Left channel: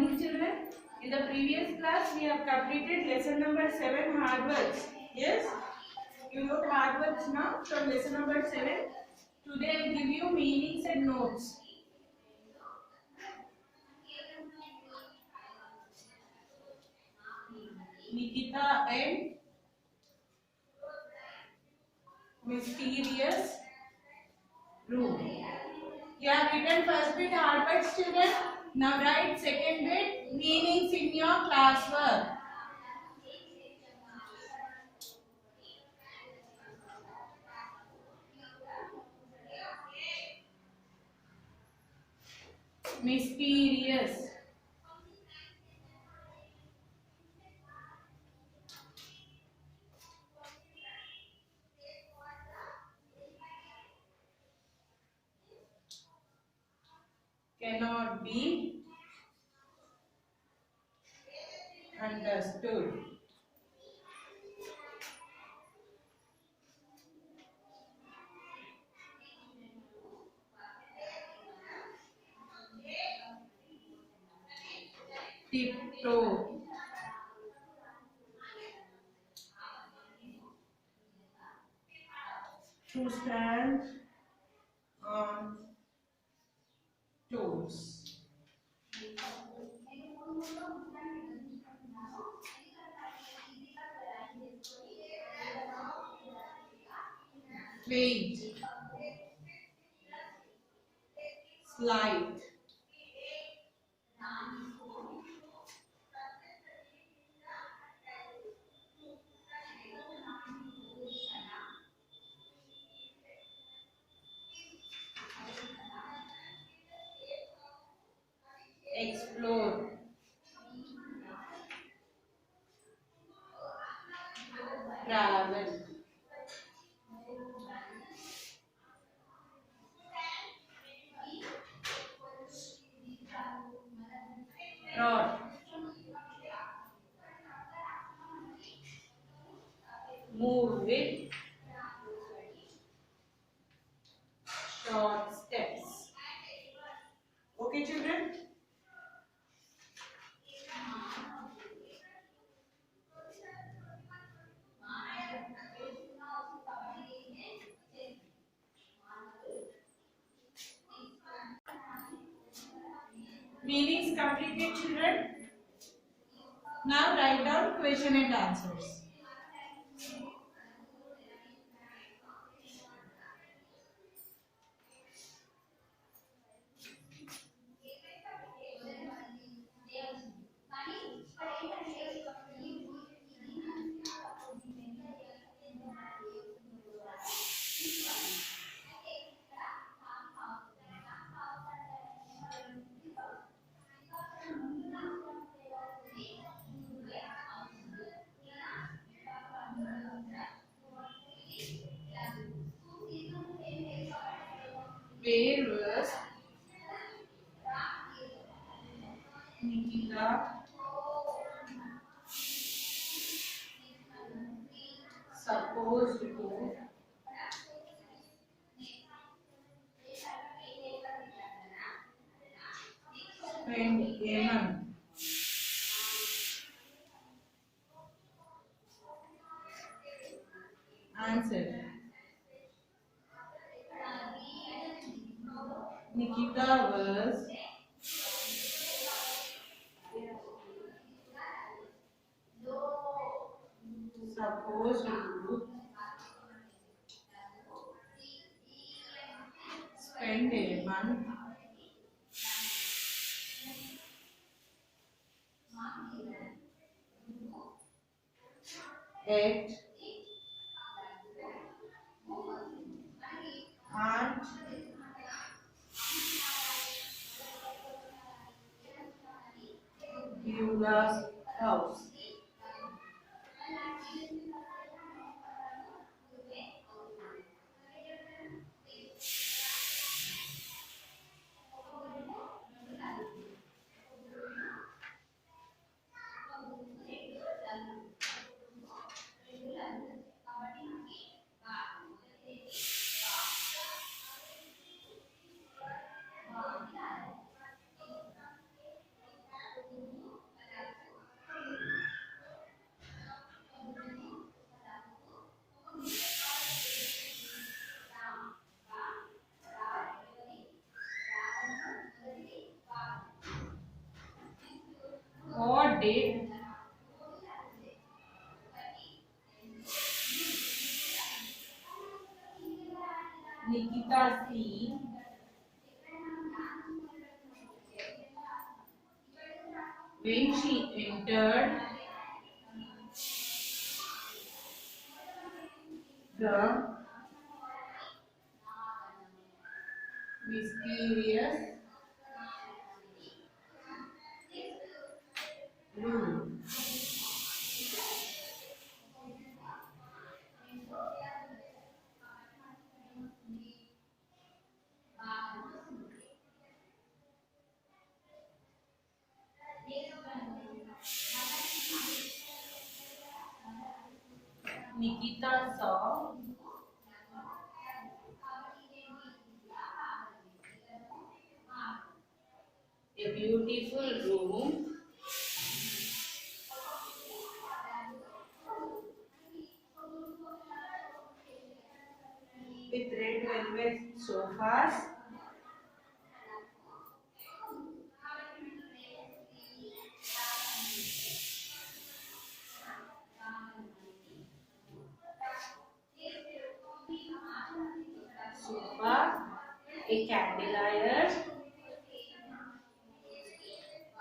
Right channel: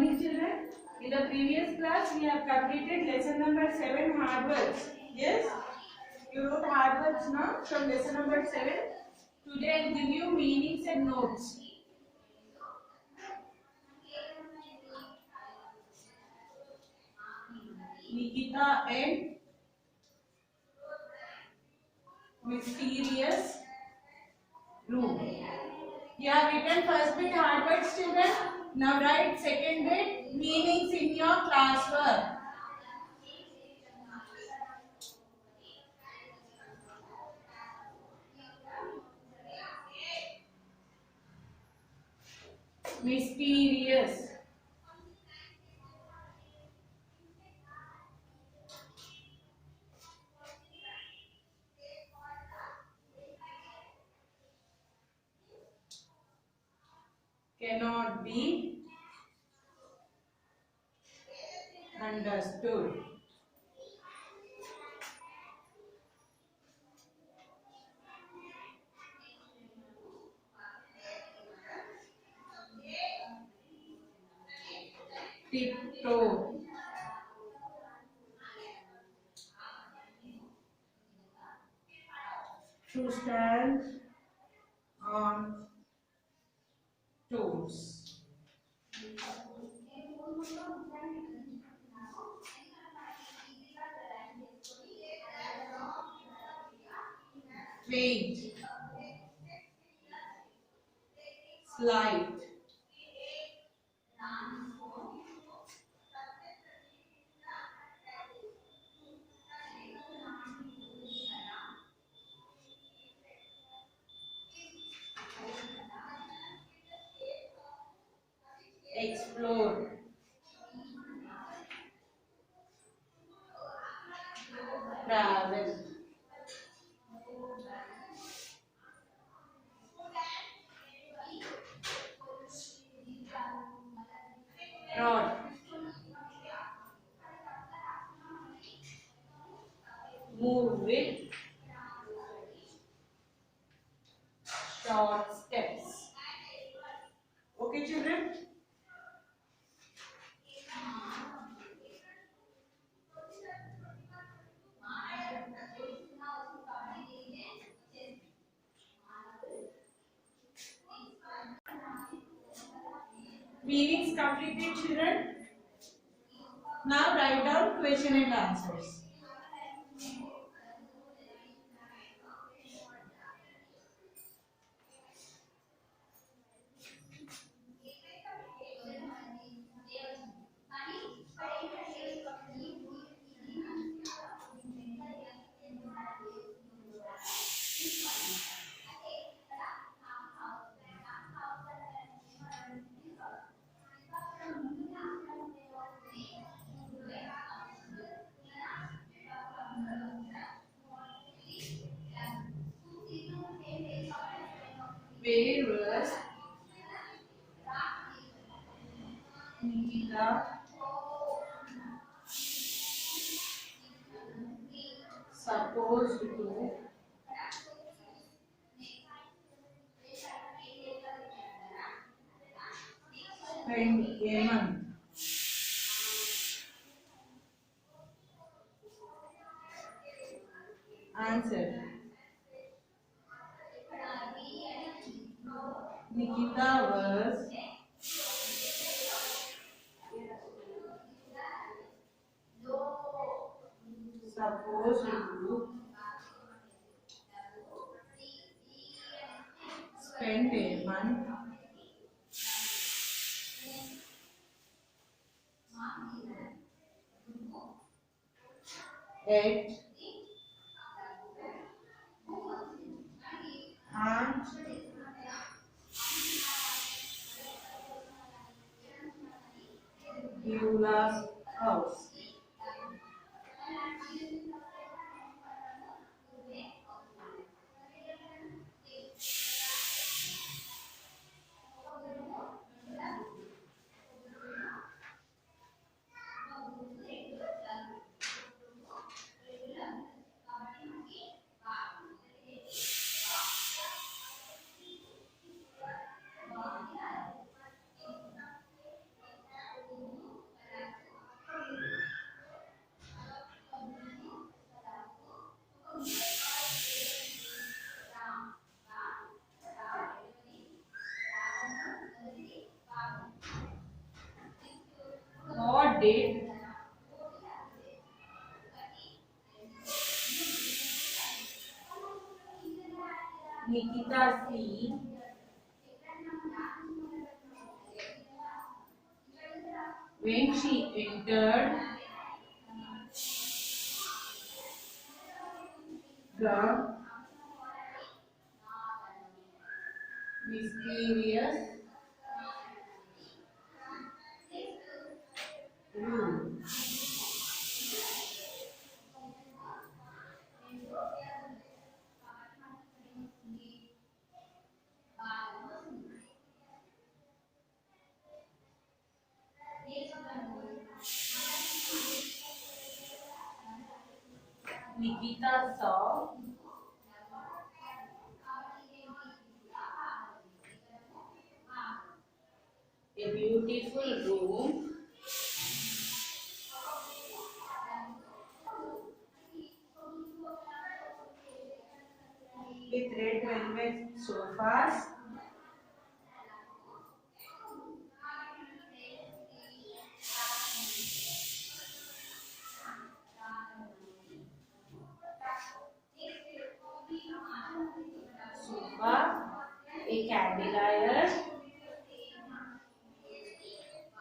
morning, children. In the previous class, we have completed lesson number 7, hard words. Yes, you wrote hard words now from lesson number 7. Today, I will give you meanings and notes. Nikita and mysterious room. You have written first bit hard words, children. Now write second bit meanings in your classwork. Mysterious. Cannot be understood. Tiptoe. To stand on toes. Wait. Slide. Explore. Travel. Rod. Move with short steps. Okay, children? Meanings completed, children. Now write down question and answers. Where was Nikita supposed to spend a month? Answer. Nikita was supposed to spend a month at Aunt Beula's house. date. Nikita C. When she entered the mysterious room. Nikita saw a beautiful room with red velvet sofas, sofa, a candelier,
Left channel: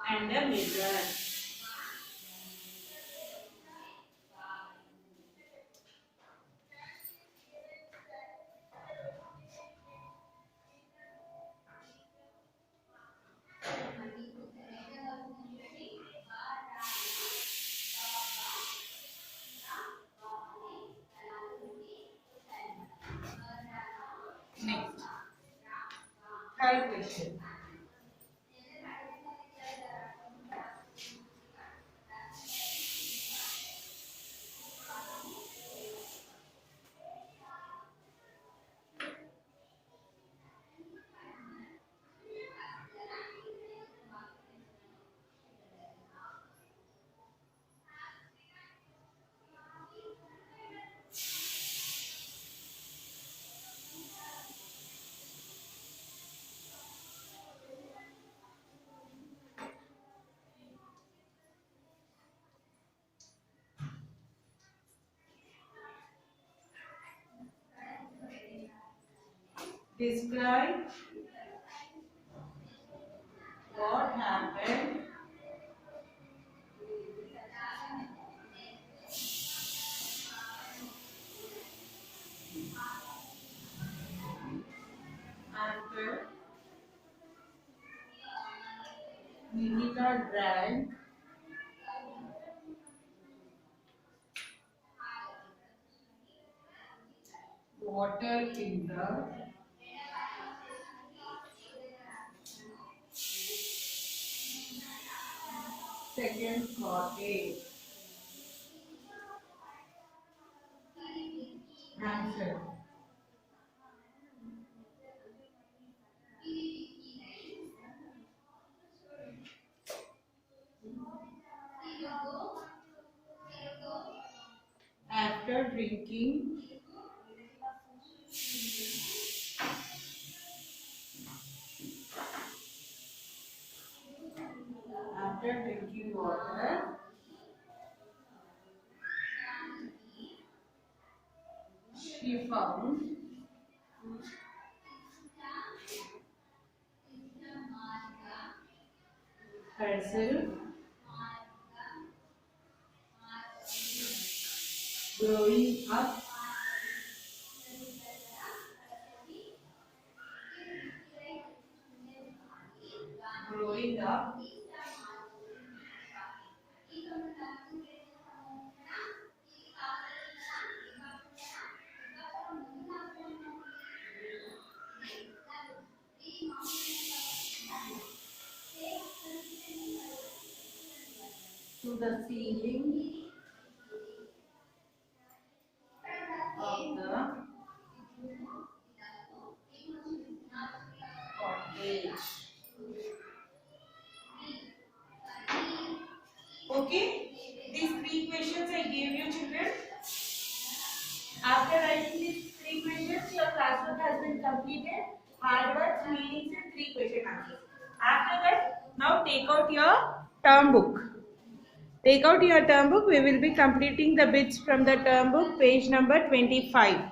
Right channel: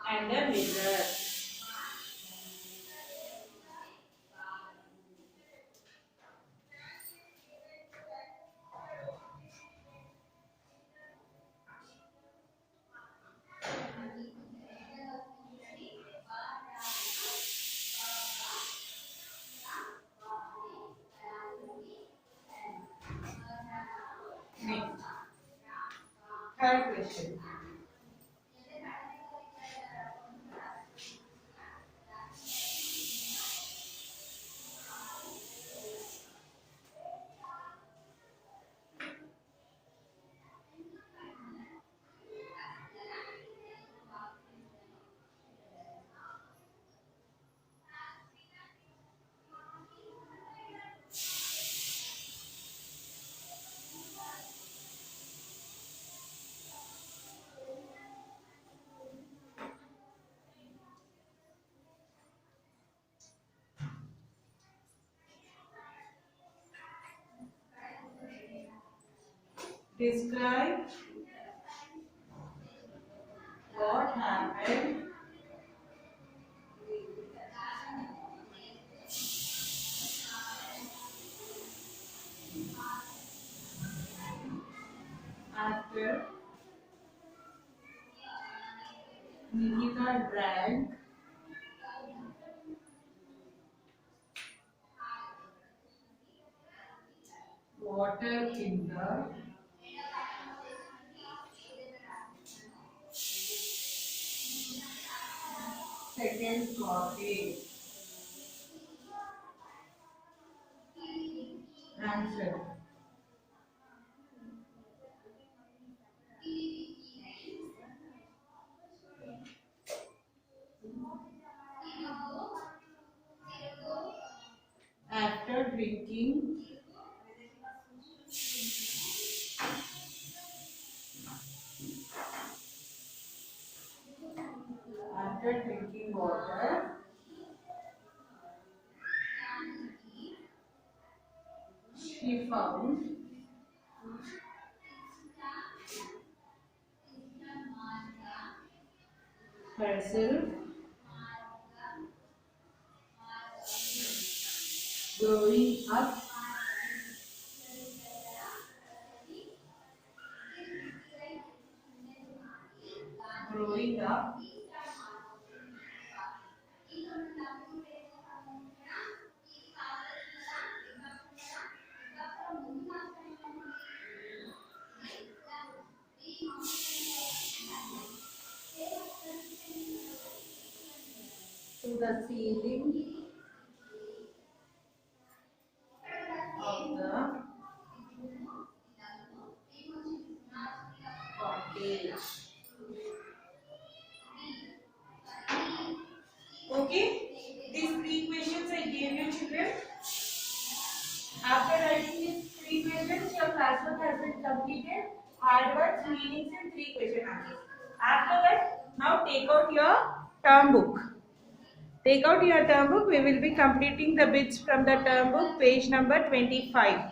and a mirror. Next, third question. Describe what happened after Nikita drank water in the second cottage. Answer. After drinking water, she found herself growing up growing up to the ceiling of the cottage. Okay, these three questions I gave you, children. After writing these three questions, your classwork has been completed. Hard words, meanings, and three question answers. After that, now take out your term book. Take out your term book. We will be completing the bits from the term book, page number 25.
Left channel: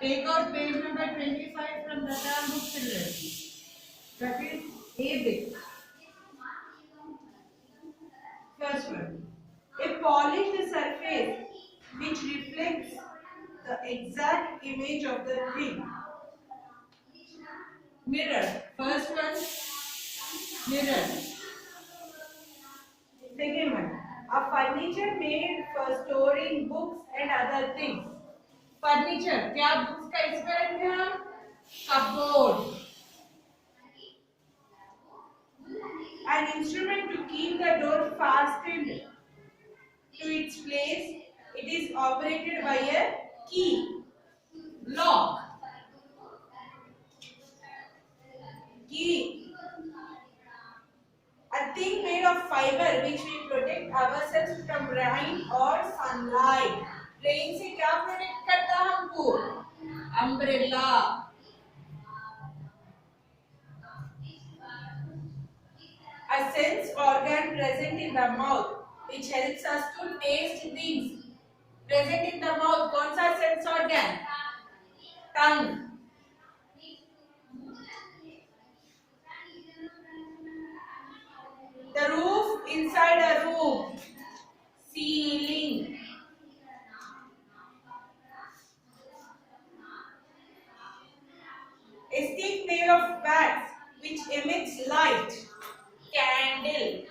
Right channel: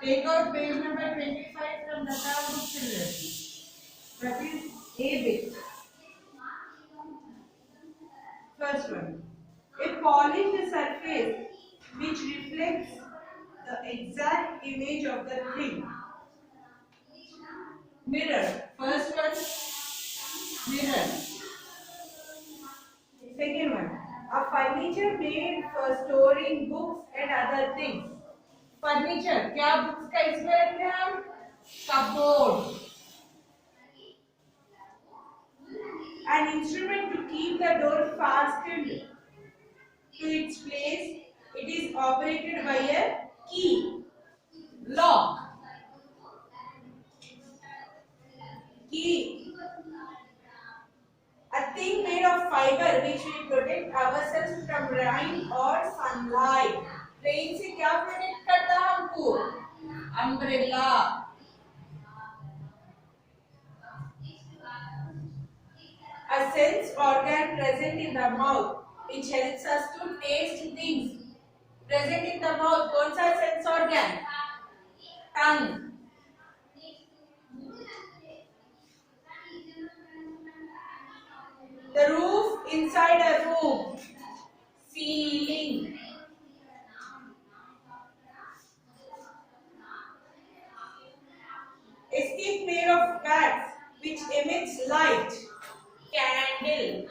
Take out page number 25 from the term book children. That is A bit. First one. A polished surface which reflects the exact image of the thing. Mirror. First one, mirror. Second one. A furniture made for storing books and other things. Furniture क्या books का इसमें रखते हैं हम cupboard an instrument to keep the door fastened to its place it is operated by a key lock key a thing made of fiber which we protect ourselves from rain or sunlight rain से क्या protect करता है हमको umbrella a sense organ present in the mouth which helps us to taste things present in the mouth कौन सा sense organ tongue the roof inside a room ceiling a stick made of wax which emits light. Candle.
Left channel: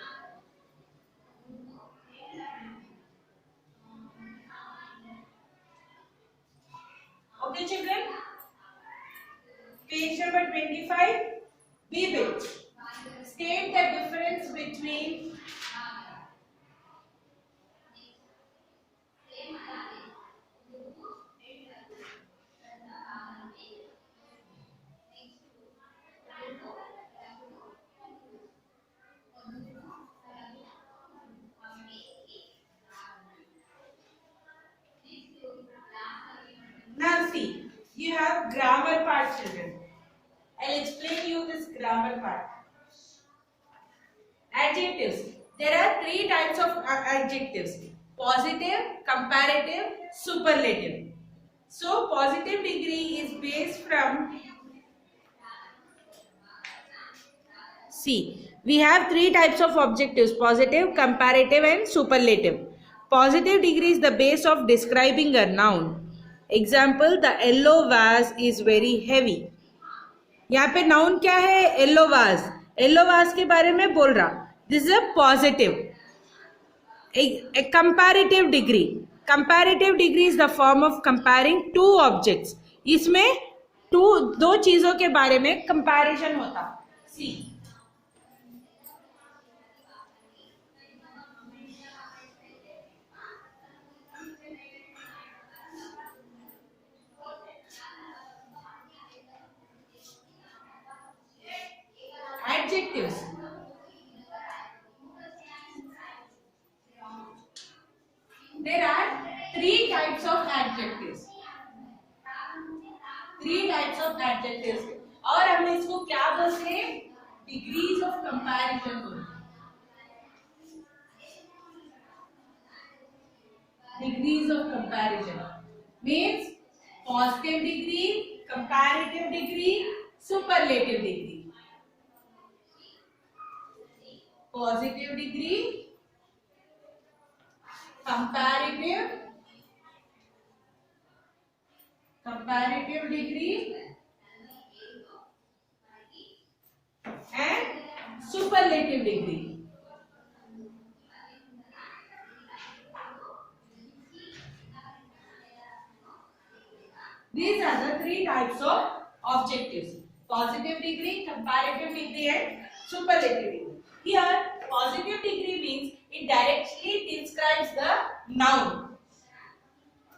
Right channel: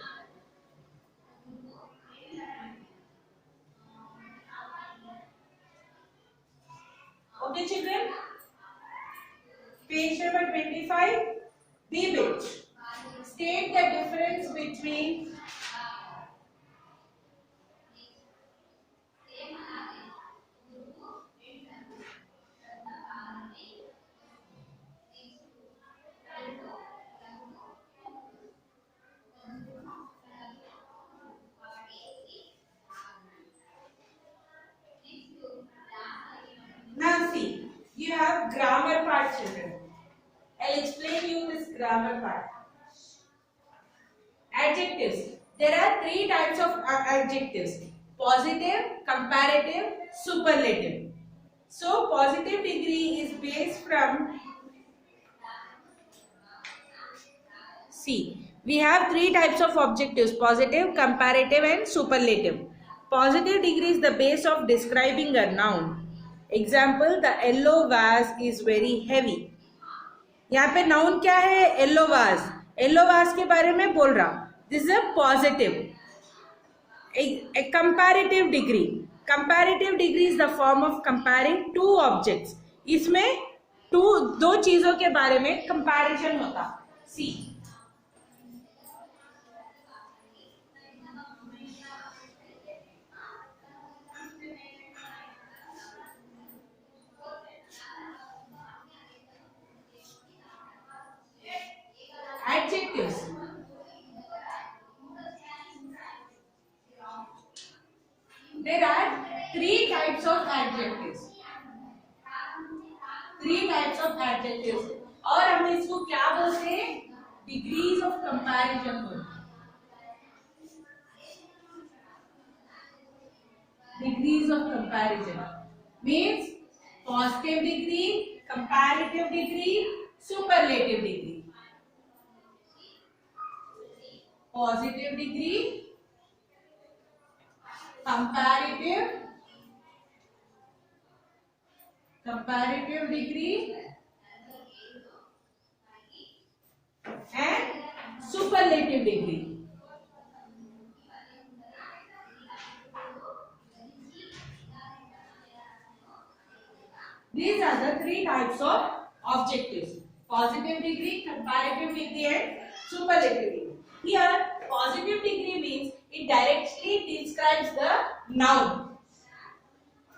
Okay, children. Page number 25. B bit. State the difference between Now see, you have grammar part, children. I'll explain you this grammar part. Adjectives. There are three types of adjectives. Positive, comparative, superlative. So, positive degree is based from see, we have three types of adjectives, positive, comparative and superlative. Positive degree is the base of describing a noun. Example, the yellow vase is very heavy. यहाँ पे noun क्या है? Yellow vase. Yellow vase के बारे में बोल रहा. This is a positive. A comparative degree. Comparative degree is the form of comparing two objects. इसमें दो चीजों के बारे में comparison होता. See. Adjectives. There are three types of adjectives. Three types of adjectives. और हम इसको क्या बोलते हैं? Degrees of comparison बोलते हैं. Degrees of comparison means positive degree, comparative degree, superlative degree. Positive degree, comparative degree and superlative degree. These are the three types of objectives: positive degree, comparative degree and superlative degree. Here, positive degree means it directly describes the noun.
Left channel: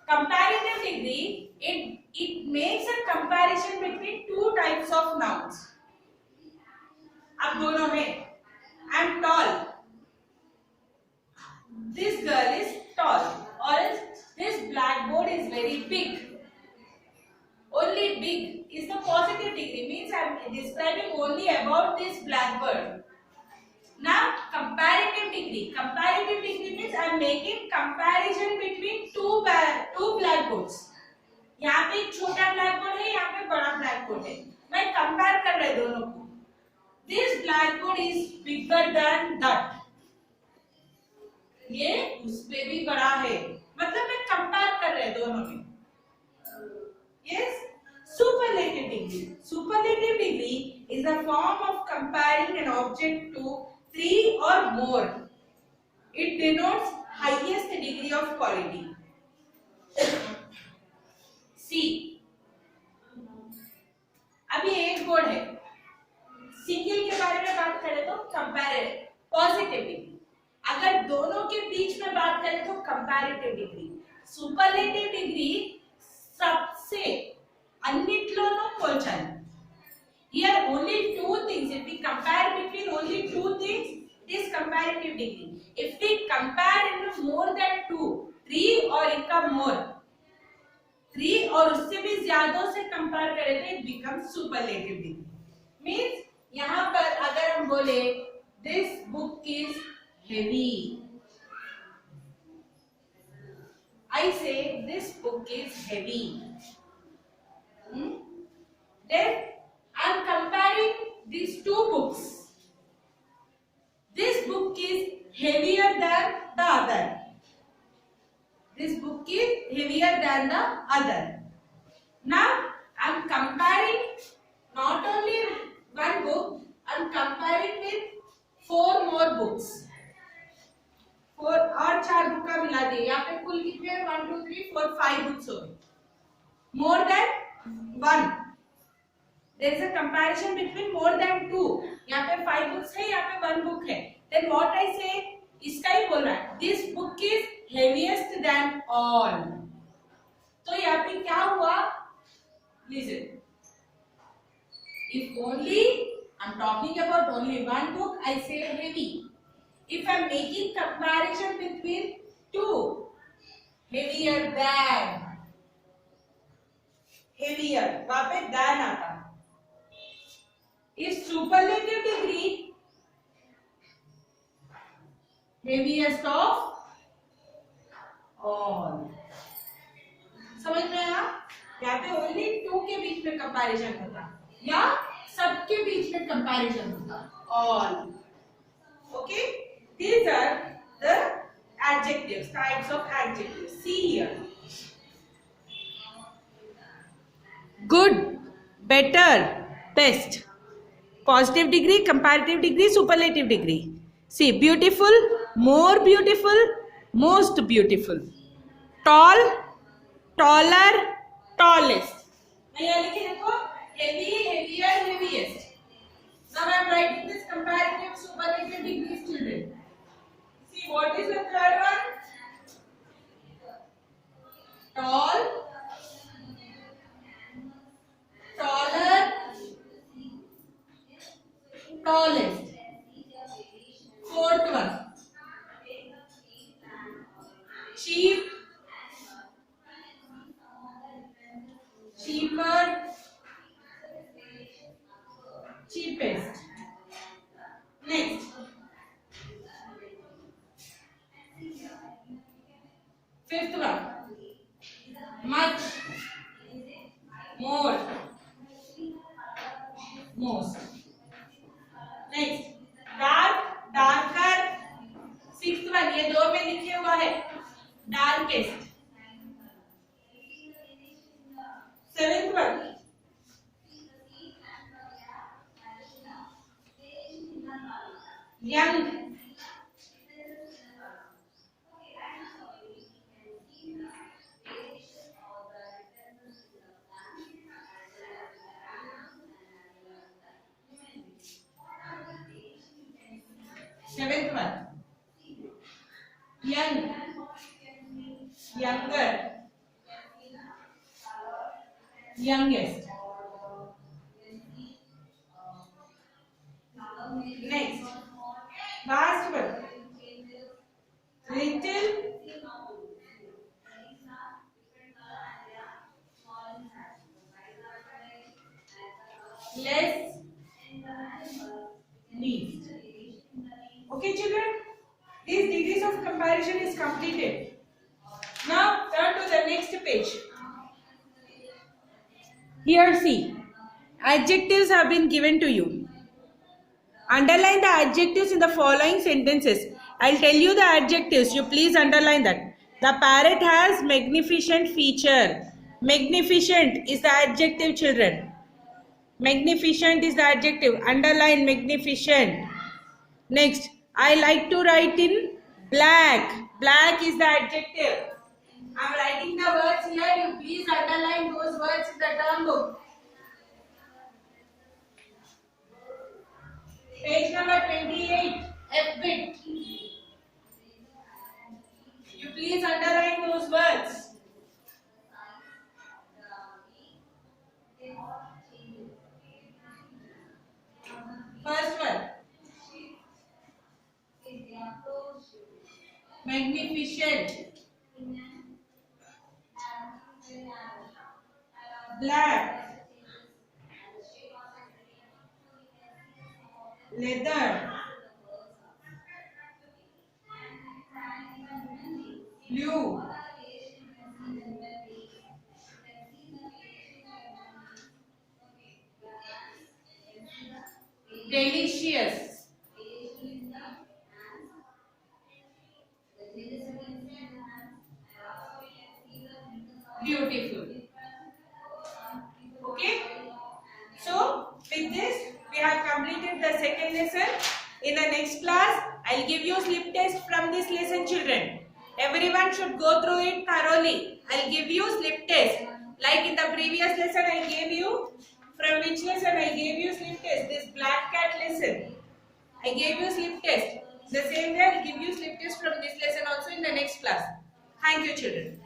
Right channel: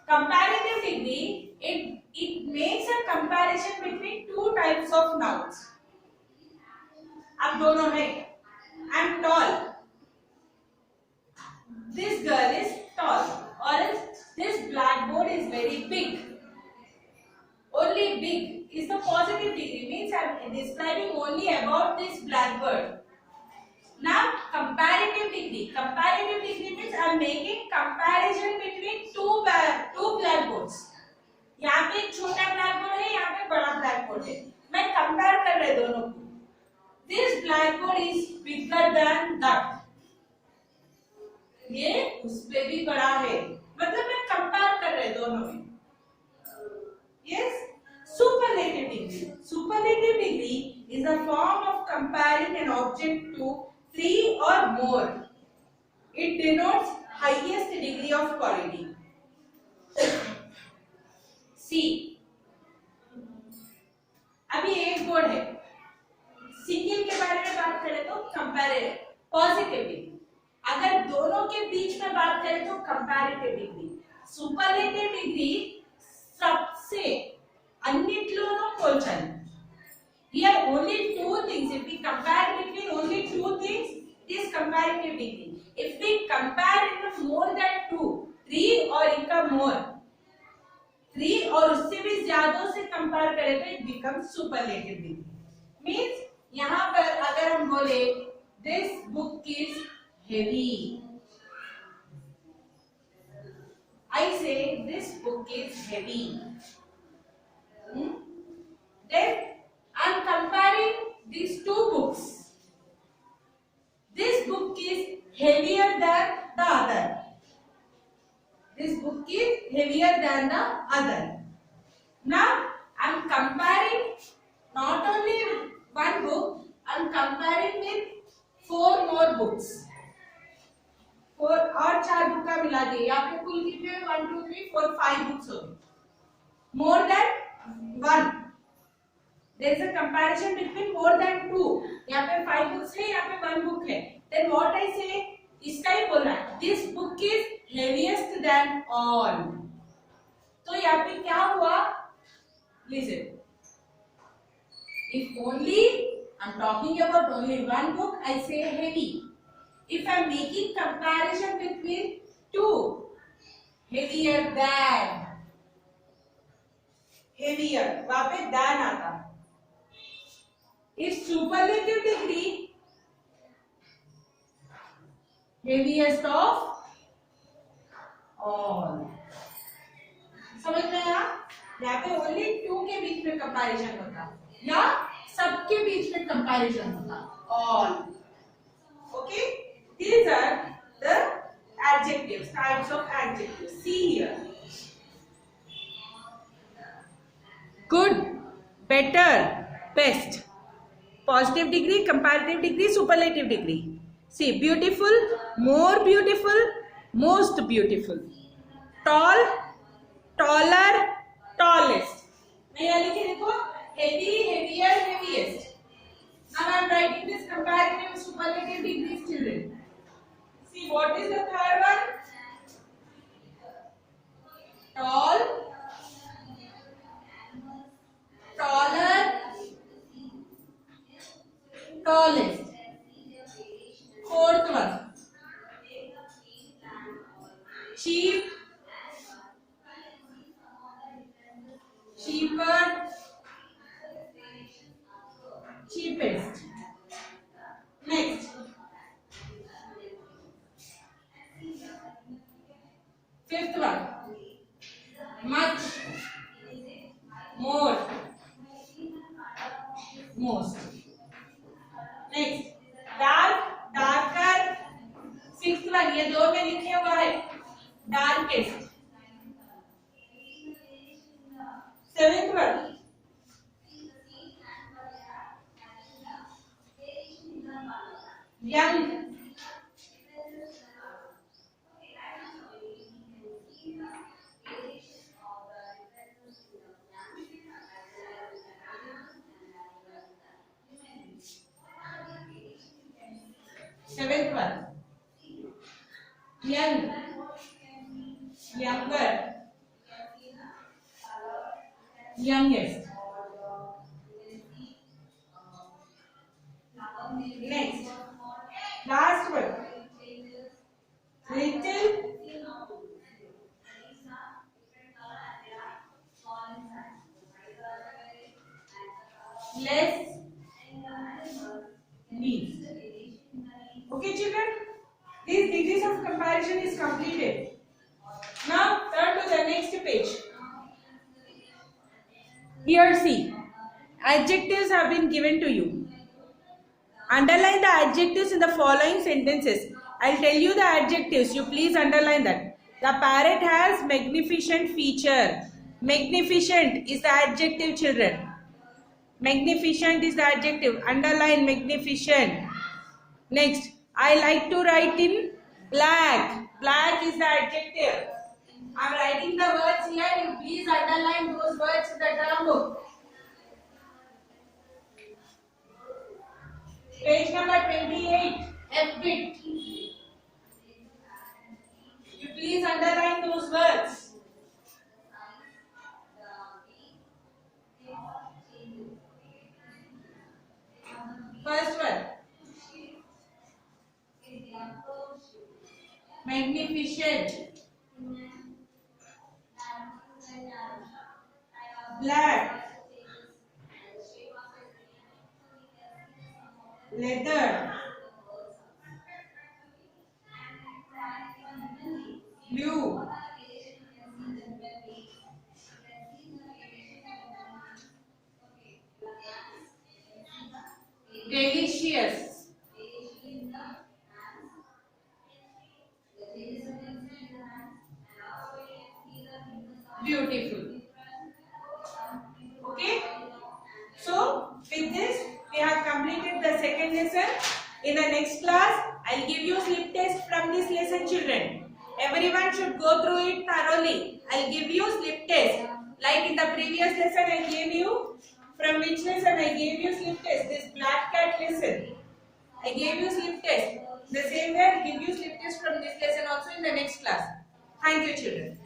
Comparative degree, it makes a comparison between two types of nouns. अब दोनों में I am tall. very big. Only big is the positive degree, means I am describing only about this blackbird. Now comparative degree. Comparative degree means I am making comparison between two blackboards. यहाँ पे एक छोटा blackboard है, यहाँ पे बड़ा blackboard है. मैं कंपेयर कर रहे दोनों को. This blackboard is bigger than that. ये उससे भी बड़ा है. मतलब मैं कंपेयर कर रहे दोनों में. Yes. Superlative degree. Superlative degree is a form of comparing an object to three or more. It denotes highest degree of quality. C. अभी एक बोर्ड है. सिंगल के बारे में बात करें तो कंपैरेटिव पॉजिटिव डिग्री. अगर दोनों के बीच में बात करें तो कंपैरेटिव डिग्री. सुपरलेटिव डिग्री सबसे अन्निट्लोनो पोल्चन. Here only two things. If we compare between only two things, this comparative degree. If we compare into more than two, three or इनका more, three और उससे भी ज्यादा से कंपेयर करें तो it becomes superlative degree. Means यहाँ पर अगर हम बोले this book is heavy, I say this book is heavy. Then I am comparing these two books. This book is heavier than the other. This book is heavier than the other. Now I am comparing not only one book, I am comparing with four more books. Four और चार book का मिला दिए. यहाँ पे कुल कितने हैं? 1 2 3 4 5 बुक्स हो गए. More than one. There is a comparison between more than two. यहाँ पे 5 books है, यहाँ पे 1 book है. Then what I say? इसका ही बोल रहा है. This book is heaviest than all. तो यहाँ पे क्या हुआ? Listen. If only I'm talking about only one book, I say heavy. If I'm making comparison between two, heavier than, heavier, वहाँ पे than आता. If superlative degree, heaviest of all. समझ में आया? यहाँ पे only two के बीच में comparison होता या सबके बीच में comparison होता. All. Okay? These are the adjectives, types of adjectives. See here. Good, better, best. Positive degree, comparative degree, superlative degree. See, beautiful, more beautiful, most beautiful. Tall, taller, tallest. यहाँ लिखे देखो, heavy, heavier, heaviest. Now I am writing this comparative, superlative degrees, children. See, what is the third one? Tall, taller, tallest. Fourth one. Cheap, cheaper, cheapest. Next. Fifth one. Much, more, most. Next. Dark, darker. Sixth one. ये दो में लिखे हुआ है. Darkest. Seventh one. Young. Seventh one. Young, younger, youngest. Next, last one. Little, Okay, children? This degrees of comparison is completed. Now turn to the next page. Here see, adjectives have been given to you. Underline the adjectives in the following sentences. I'll tell you the adjectives. You please underline that. The parrot has magnificent feature. Magnificent is the adjective, children. Magnificent is the adjective. Underline magnificent. Next, I like to write in black. Black is the adjective. I'm writing the words here. You please underline those words in the term book. Page number 28, F bit. You please underline those words. First one. Magnificent. Black. Leather. Blue. Delicious. Beautiful. Okay. So with this we have completed the second lesson. In the next class I'll give you slip test from this lesson, children. Everyone should go through it thoroughly. I'll give you slip test. Like in the previous lesson I gave you. From which lesson I gave you slip test? This black cat lesson. I gave you slip test. The same way I'll give you slip test from this lesson also in the next class. Thank you, children.